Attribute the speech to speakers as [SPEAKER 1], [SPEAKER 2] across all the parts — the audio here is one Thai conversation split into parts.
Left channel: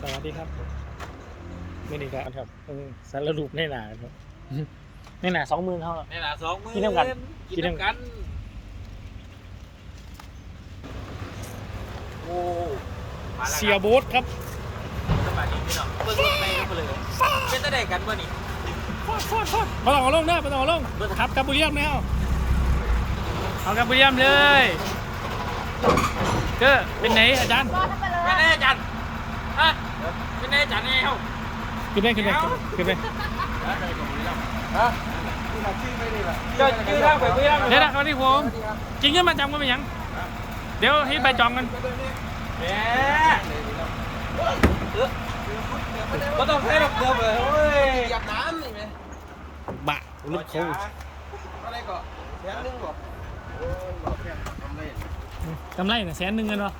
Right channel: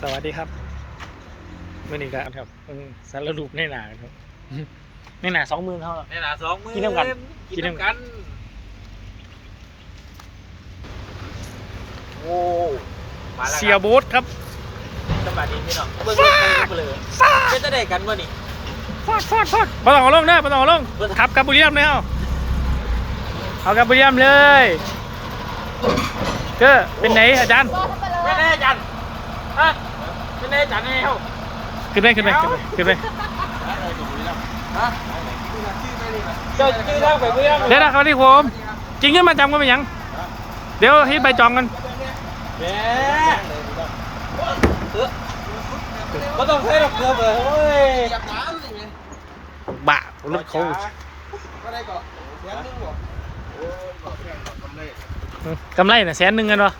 [SPEAKER 1] สวัสดีครับเมื่อนี้ก็ครับเออสารรูปในหนาครับในหนาสองหมื่นเท่า
[SPEAKER 2] นี่นะสองมือ
[SPEAKER 1] กินน้ำกัน
[SPEAKER 2] กินน้ำกัน โอ้มาแล้ว
[SPEAKER 1] เสียโบ๊ทครับ
[SPEAKER 2] สบายดีพี่น้องเบิ่งเลยไม่จะได้กันวะนี่
[SPEAKER 1] ฟาดฟาดฟาดมาต้องเอาลงเด้อมาต้องเอาลงขับกับบุรีรัมย์เลยเอาเอากับบุรีรัมย์เลยก็เป็นไหนอาจารย์
[SPEAKER 2] ไม่แน่จันฮะไม่แน่จันไงเฮ้า
[SPEAKER 1] ขึ้นไปขึ้นไปขึ้นไปขึ้นไป
[SPEAKER 2] เดี๋
[SPEAKER 1] ยวนะครับที่ผมจริงขึ้นมาจำก็เป็นหยัง เดี๋ยวให้ไปจองกัน
[SPEAKER 2] ก็ต้องใช้ดอกเกลือเลยเฮ้ยยับน้ำนี่ไง
[SPEAKER 1] บ้ารถเขา
[SPEAKER 2] ก็ได้ก็แสนนึงบอก
[SPEAKER 1] กำไรน่ะแสนหนึ่งกันวะ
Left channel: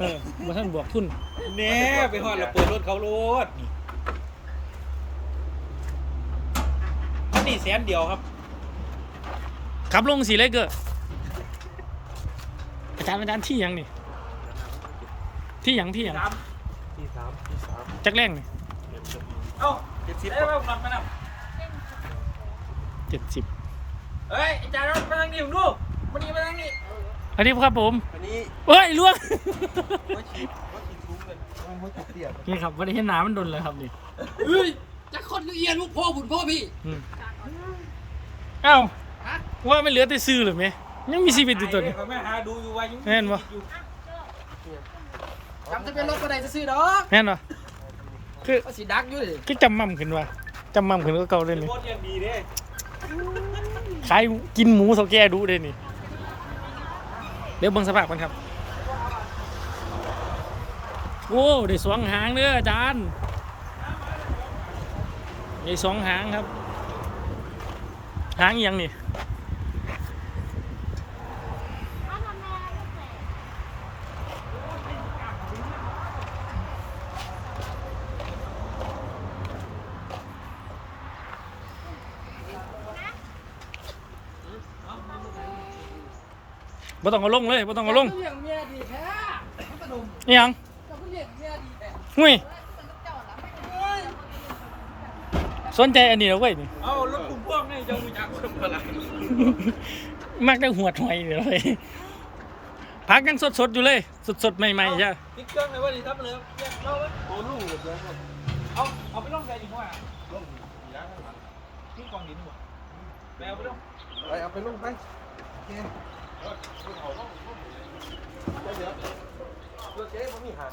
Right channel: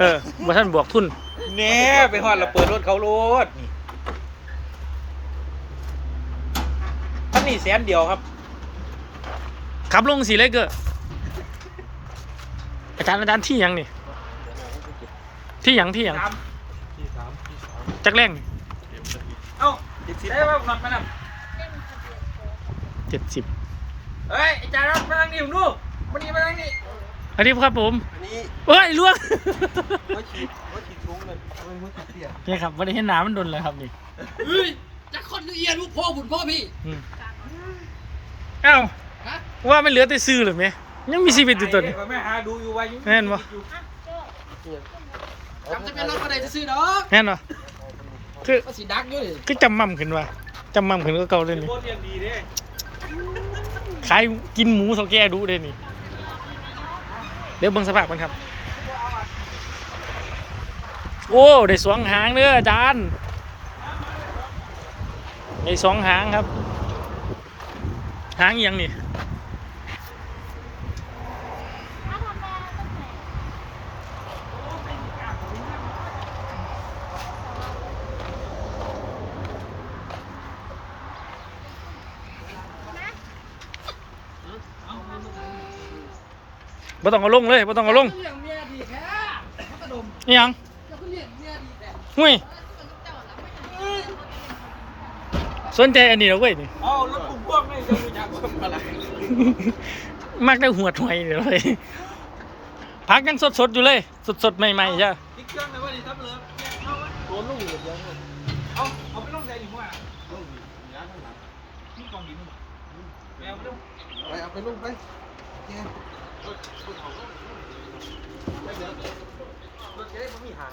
[SPEAKER 1] เออว่าท่านบวกทุน
[SPEAKER 2] แน่ไปฮอดเราเปิดรถเขารถ นนี้แสนเดียวครับ
[SPEAKER 1] ขับลงสีเล็กเกอร์อาจารย์อาจารย์ที่หยังนี่ ที่หยังที่หยัง
[SPEAKER 2] ที่สามที่สาม
[SPEAKER 1] จักแรงนี่
[SPEAKER 2] เอ้าเจ็ดสิบได้ป่ะหลับมาน่ะ
[SPEAKER 1] เจ็ดสิบ
[SPEAKER 2] เฮ้ยไอ้จ่ายรับมานั่งดิผมดูมันนี่มานั่งนี่
[SPEAKER 1] อันนี้ครับผม
[SPEAKER 2] อันนี้
[SPEAKER 1] เฮ้ยล่วง
[SPEAKER 2] ว่าฉีดว่าฉีดทุ้งเลยมันรู้จักเตี้ย
[SPEAKER 1] นี่ครับวันนี้เห็นหนามันโดนเลยครับนี่
[SPEAKER 3] เฮ้ยจะคนเอียนลูกพ่อบุญพ่อพี่
[SPEAKER 1] อืม เอ้าว่าไม่เหลือแต่ซื้อหรือไหมยังมีชีวิตอยู่ตัวนี้
[SPEAKER 2] แม่หาดูอยู่ว่ายัง
[SPEAKER 1] แน่นปะ
[SPEAKER 3] จำจะเป็นรถก็ได้จะซื้อดอก
[SPEAKER 1] แน่นปะคือ
[SPEAKER 3] ก็สีดักอยู่ดิ
[SPEAKER 1] คือจำมั่มขึ้นว่ะจำมั่มขึ้นก็เก่าเลยนี่
[SPEAKER 2] รถยังดีเด้
[SPEAKER 1] ขายกินหมูสแกดูเลยนี่เดี๋ยวเบิ่งสภาพกันครับ โอ้ได้สองหางเด้ออาจารย์ได้สองหางครับ หางอิหยังนี่บ่ต้องเอาลงเลยบ่ต้องเอาลง
[SPEAKER 3] เลี้ยงเมียดีแท้พัสดุม
[SPEAKER 1] นี่ยัง
[SPEAKER 3] จะเลี้ยงเมียดีแท้
[SPEAKER 1] หุ้ย สนใจอันนี้เหรอเว้ยนี่
[SPEAKER 2] เอารถปุ่มพ่วงนี่จะรู้จักว่าอะไร
[SPEAKER 1] มากได้หัวถอยนี่เลยพักยังสดๆอยู่เลย สดๆใหม่ๆจ้ะ
[SPEAKER 2] ติ๊กเครื่องเลยว่าดีทับเลยเอาไว้โดนลูกหมดเลยเอาเอาไปลงใจอีกว่าลงย้ายข้างหลังที่กองหินอยู่แมวไปลง
[SPEAKER 4] ไปเอาไปลูกไปโอเค
[SPEAKER 2] รถจะได้ไม่มีหาง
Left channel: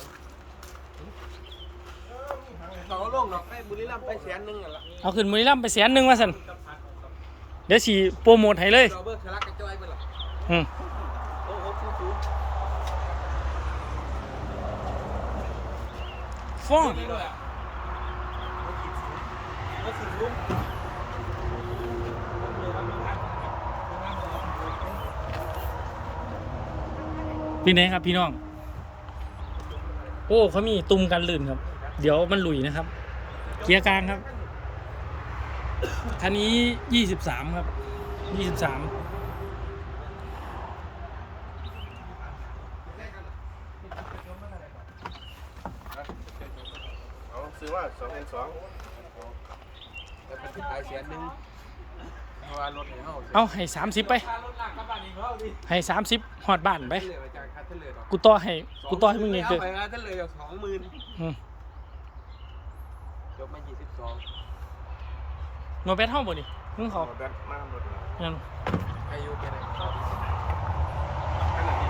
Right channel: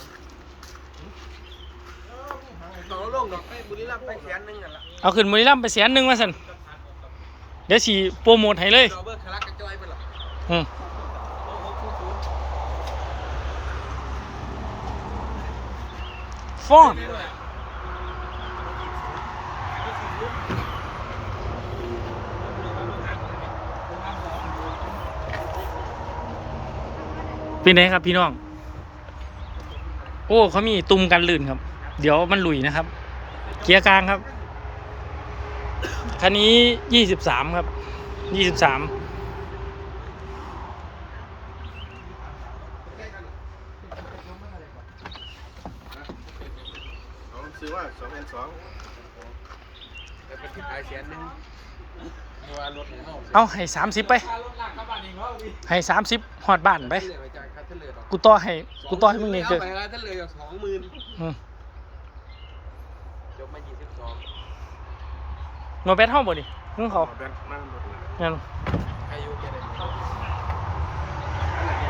[SPEAKER 2] เอาลงดอกแค่บุรีรัมย์ไปแสนนึงนั่นแหละ
[SPEAKER 1] เอาขึ้นบุรีรัมย์ไปแสนหนึ่งมาสันเดี๋ยวสีโปรโมทให้เลย
[SPEAKER 2] จอเบอร์คารากระจอยไปละ
[SPEAKER 1] อืม
[SPEAKER 2] โอ้โหศูนย์ศูนย์
[SPEAKER 1] ฟ้อนเป็นไงครับพี่น้อง โอ้เขามีตุ่มกันลื่นครับ เดี๋ยวมันหลุยนะครับ เกียร์กลางครับ คันนี้ยี่สิบสามครับยี่สิบสาม
[SPEAKER 4] เอาซื้อว่าสองเป็นสอง
[SPEAKER 2] แต่เป็นขายแสนนึงเพราะว่ารถของเขา
[SPEAKER 1] เอาให้สามสิบไป
[SPEAKER 2] ค่ารถหลังกระบะเองเขาดิ
[SPEAKER 1] ให้สามสิบหอดบ้านไป
[SPEAKER 4] เหลือไปจากพัทเลอร์
[SPEAKER 1] กูต่อให้ กูต่อให้มึงเอง
[SPEAKER 4] เอา
[SPEAKER 1] เกิด
[SPEAKER 4] ไปพัทเลอร์สองหมื่น
[SPEAKER 1] อืม
[SPEAKER 2] ยกมายี่สิบสอง
[SPEAKER 1] มาแบทห้องบ่ดิมึงเขา
[SPEAKER 4] แบบนั่งหมดเลย
[SPEAKER 1] นั่น
[SPEAKER 2] อายุแค่ไหน
[SPEAKER 4] อันไหนนี่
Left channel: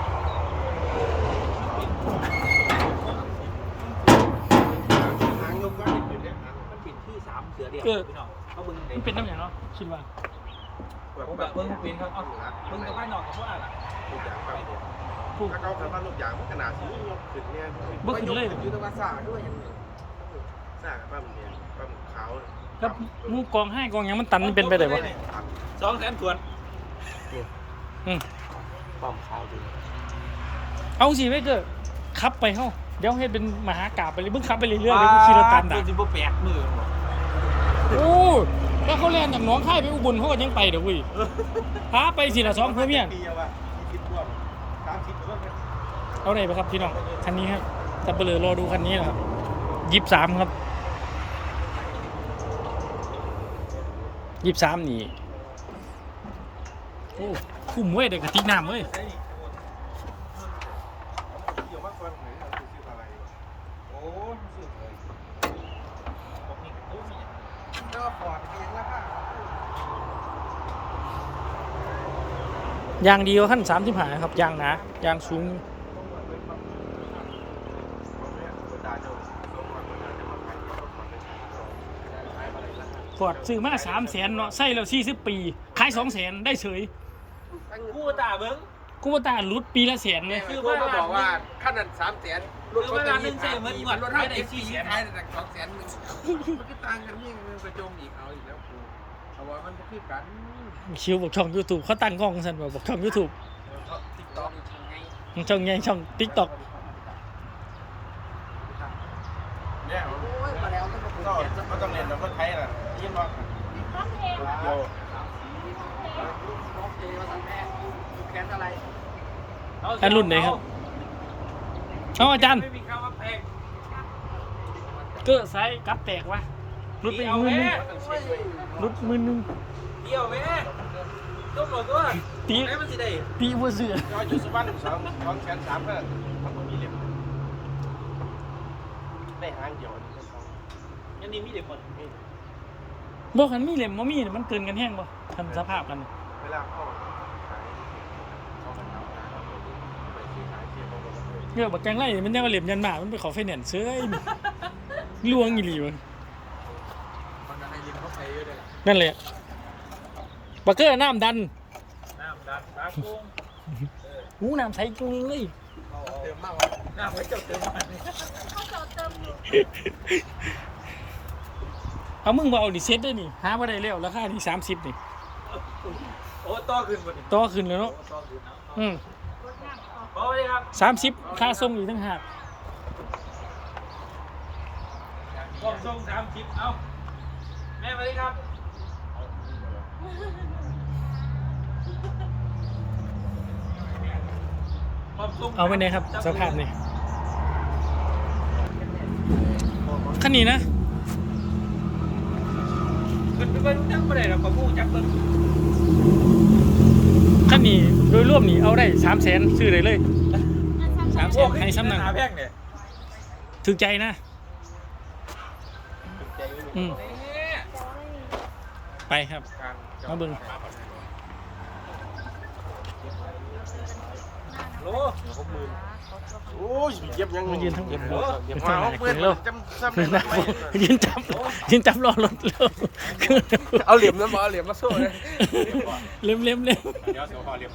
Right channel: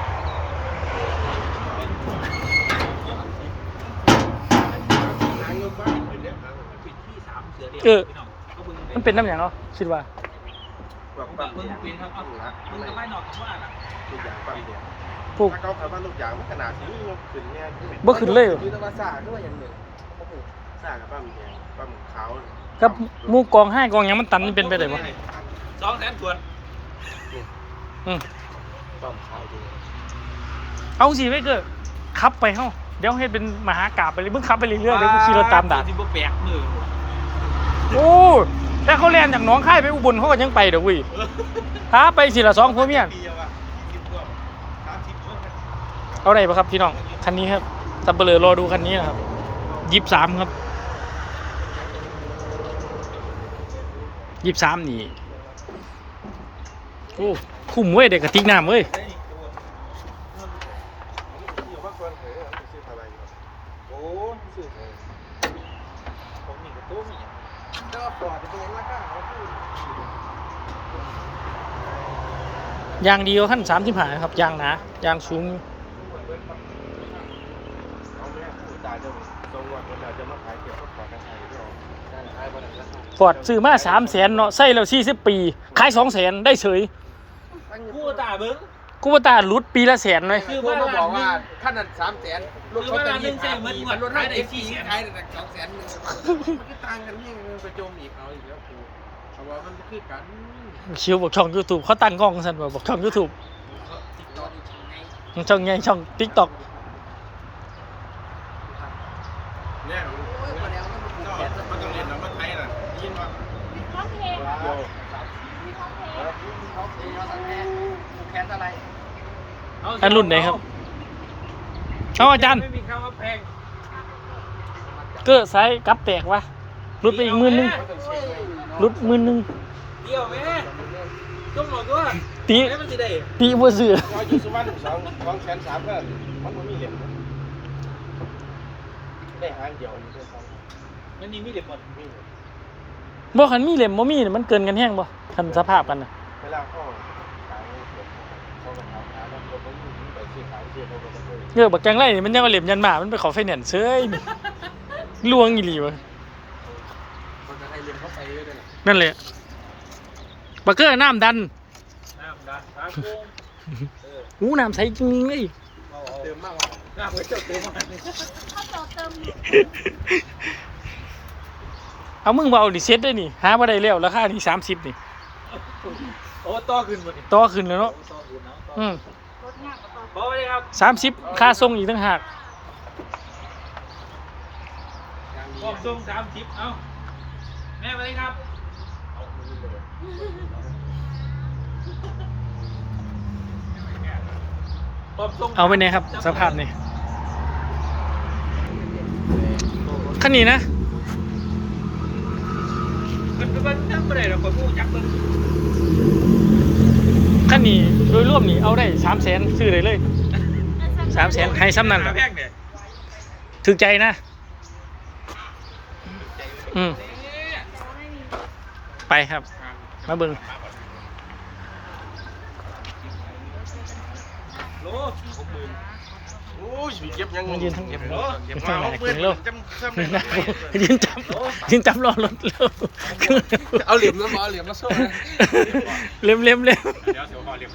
[SPEAKER 4] หางยกบ้านอยู่เนี่ยหางยก
[SPEAKER 2] มันปิดที่สามเสือเดียว
[SPEAKER 1] เออ
[SPEAKER 2] พี่น้องเขาบึง
[SPEAKER 1] มันเป็นน้ำอย่างเนาะคิดว่า
[SPEAKER 4] บอก
[SPEAKER 2] ผม
[SPEAKER 4] ว่า
[SPEAKER 2] แบบเบิ้งเป็นครับเอามึงจะไปหนอกกับว่าล่ะ
[SPEAKER 4] ลูกยางปั๊มเนี่ย
[SPEAKER 1] พวก
[SPEAKER 4] ถ้าเขาเขาว่าลูกยางมันขนาดสียกขึ้นเนี่ย
[SPEAKER 1] บ่ขึ้นเลยเหรอ
[SPEAKER 4] อยู่ตะวันซ่าก็ว่าอย่างเนี้ยเขาปลูกซ่ากับปั๊มเนี่ยปั๊มขาว
[SPEAKER 1] กับหมูกองให้กองหยังมันตันมันเป็นไปได้ปะ
[SPEAKER 2] สองแสนขวด
[SPEAKER 1] อืม
[SPEAKER 4] ปั๊มขาวดู
[SPEAKER 1] เอาสิไม่เกิดขับไปเฮ้าเดี๋ยวให้เป็นมหากราบไปเลยมึงขับไปเรื่อยๆเดี๋ยวกูขี่รถตามด่า
[SPEAKER 2] ที่บ่แปลกมือ
[SPEAKER 1] โอ้แต่เขาเรียนจากหนองค่ายไปอุบลเขาก็ยังไปเด้อเว้ยหาไปสิละสองเพื่อเมีย
[SPEAKER 4] ปีอะวะสิบกว่าสามสิบกว่า
[SPEAKER 1] เอาไหนปะครับพี่น้อง คันนี้ครับตับเบลอรอดูคันนี้นะครับ
[SPEAKER 4] เยี่
[SPEAKER 1] สิบสามครับ ยี่สิบสามนี่โอ้คุ้มเว้ยเด็กกระติกน้ำเว้ย
[SPEAKER 2] ยาง
[SPEAKER 4] เกณฑ์แล้วบ้างเขาพูด
[SPEAKER 1] ยางดีกว่าขั้นสามสิบห้าครับยางหนายางสูงอยู่ ฟอร์ดซื้อมาสามแสนเนาะใส่แล้วสี่สิบปี ขายสองแสนได้เฉย
[SPEAKER 2] กูตาเบิ้ง
[SPEAKER 1] กูว่าตาหลุดปีละแสนเลย
[SPEAKER 2] คือ
[SPEAKER 4] ว่า
[SPEAKER 2] ว่า
[SPEAKER 4] บ
[SPEAKER 2] ล้า
[SPEAKER 4] อนก
[SPEAKER 2] หนึ
[SPEAKER 4] ว่างขั้นนั้นสามแสนรถเขาเป็นยี่สิบปีมันรถให้ได้สี่แสน ขายได้แต่สองแสนหนึ่งมันก็ต่างกันยิ่งมันกระโจมอีกเอาอีกแล้วกูเพราะว่ามันก็คือกัน
[SPEAKER 1] ชิวบอกช่อง YouTube เขาตั้งกล้องสันบอกบอกช่อง YouTube
[SPEAKER 4] ติ๊กต็อก
[SPEAKER 1] ช่องใหญ่ช่อง TikTok
[SPEAKER 4] เนี่ยมันต้องเรียนน้ำรถไท ยน่ะยินว่า
[SPEAKER 1] อันรุ่นไหนครับเอาอาจารย์เก็ไซส์กับแตกวะหลุดไปอีกมื่นหนึงหลุดมื่นหนึง
[SPEAKER 2] เกี่ยวแม่ต้มหรอกว่า
[SPEAKER 1] ตี
[SPEAKER 2] แม่มันสิได้
[SPEAKER 1] ตีบัวเสือ
[SPEAKER 4] อยู่สุวรรณสองสองแสนสามก็มันไม่มีเล่มได้หางเดียวนี่เดีพอ
[SPEAKER 2] มันนี่มีเด็กหมด
[SPEAKER 1] บ่คันมีเหล่มบ่มีน่ะมันเกินกันแห้งบ่คันสภาพกันน่ะ
[SPEAKER 4] เวลาเข้าขายเขามาทำร้านรถต้องไปซื้อขายเชื่อเขาก็ได้
[SPEAKER 1] เลือกบักจังไรนี่มันยังว่าเหล่มยันหมา มันไปขอไฟแนนซ์เซ้ยนี่ลวงอีหลีวะ
[SPEAKER 4] มันจะให้เรียนเข้าไปเยอะเลย
[SPEAKER 1] นั่นแหละบักเกอร์น้ำดัน
[SPEAKER 2] น้ำดันฟ้าโป่ง
[SPEAKER 1] หูน้ำใสจริงๆเลย
[SPEAKER 4] เติมมาก
[SPEAKER 2] น้ำไว้จดเต็ม
[SPEAKER 1] เอามึงมาเอาดิเซ็ตได้นี่หาบ่ได้แล้วราคานี่สามสิบนี่
[SPEAKER 2] โอ้ต่อขึ้นหมด
[SPEAKER 1] ต่อขึ้นแล้วเนาะ
[SPEAKER 2] ต่อขึ้นเนาะ
[SPEAKER 1] อืม
[SPEAKER 2] บอกเลยครับ
[SPEAKER 1] สามสิบค่าส่งอีกต่างหาก
[SPEAKER 2] ผมส่งสามสิบเอาแม่มาเลยครับผมส่ง
[SPEAKER 1] เอาไปไหนครับ สภาพนี่คันนี้นะ
[SPEAKER 2] ขึ้นไปเบิ้งทั้งประเดี๋ยวเราไปมู่จับเบิ้ง
[SPEAKER 1] คันนี้โดยรวมนี่เอาได้สามแสนซื้อได้เลยสามแสนให้ซ้ำนั่น
[SPEAKER 2] แพงเนี่ย
[SPEAKER 1] ถึกใจนะ อืมไปครับ มาเบิง
[SPEAKER 2] โล
[SPEAKER 4] โอ้ยเก็บยัง
[SPEAKER 1] มันยืนทั้ง
[SPEAKER 4] เก็บเนาะ
[SPEAKER 1] ก็ทั้งหนักเลยลกยืนจับยืนจับรอรถเร็
[SPEAKER 4] เอาเหลี่ยมนะมาเหลี่ยมมาโซ่เล็
[SPEAKER 1] มเล็มเล็ม
[SPEAKER 2] เดี๋ยวเดี๋ยวเห
[SPEAKER 1] ลี่ยม